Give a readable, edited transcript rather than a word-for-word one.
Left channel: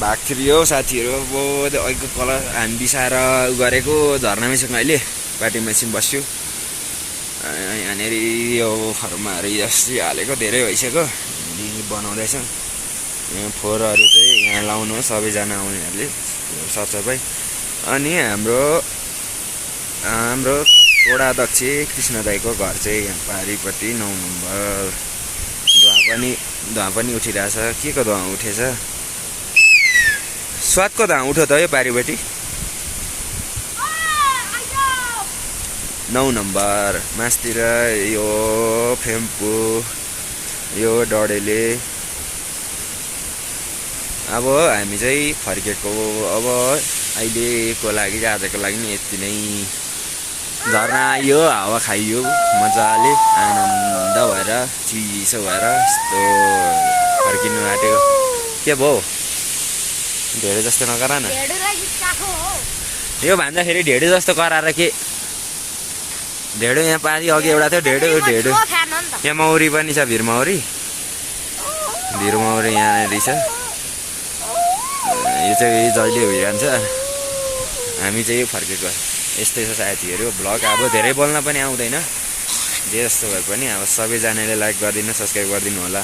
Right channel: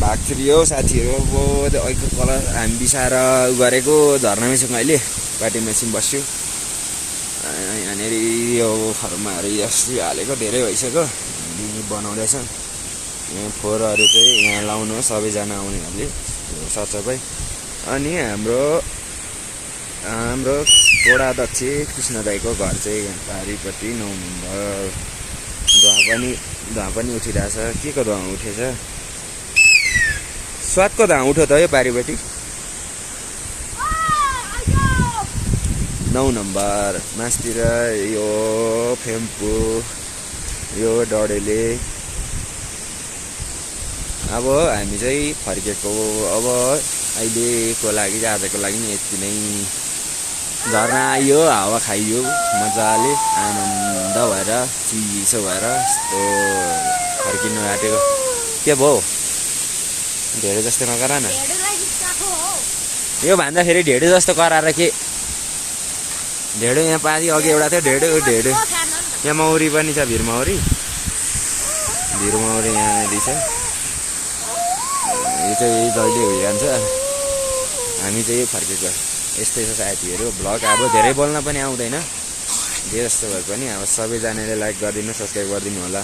भाग्थ्यो साथीहरू। अब अहिलेको कलर हामी बिसाएर गरेको झर्नामैसँग अहिले पार्टी मेसिन बस्छु। यहाँनिर यो फर्माहरू जस्तै हालेको धेरै भइसक्यो, बनाउँदैछ। यहाँ फोहोरहरू चाहिँ यहाँ लाउनु सबैजना आउनेहरूले साथसाथै। अनि हाम्रो वडा अध्यक्ष कृष्ण दाईको घर चाहिँ यहाँ पारिपट्टि 9 नम्बर। धुवा पनि उठिरहेछ। के को धुवा उठेछ? स्वादको धुवा उठ्यो त यो पारिपट्टि 9 नम्बर मासतिर। यो फेम्पू, यो डडेले। अब हामी चाहिँ फर्केको। अब अहिलेको लागि आजको लागि नि यति नै। झर्ना आइयो, हावा खाइयो मजाले, आनन्द भएर चिसो भएर यस्तो फर्किनु आँटेको। के भयो? ढेडो जस्तो नगर न। यो भन्दाखेरि ढेडो जस्तो कराएर के? ढेडो यहाँ पारि अघि एउटा थियो ढेडो। यहाँ मौरी पनि छ, भिरमौरी यहाँनिर छ। यो चाहिँ जहिले भइरहन्छ। हामी चाहिँ फर्केको। यस्तै छ साथीहरू भ्लग। अब धेरै बोल्न पनि आउँदैन, जे जस्तो भए पनि अब सबैजनाले लाइक गरिदिनु, सब्सक्राइब गरिदिनु होला।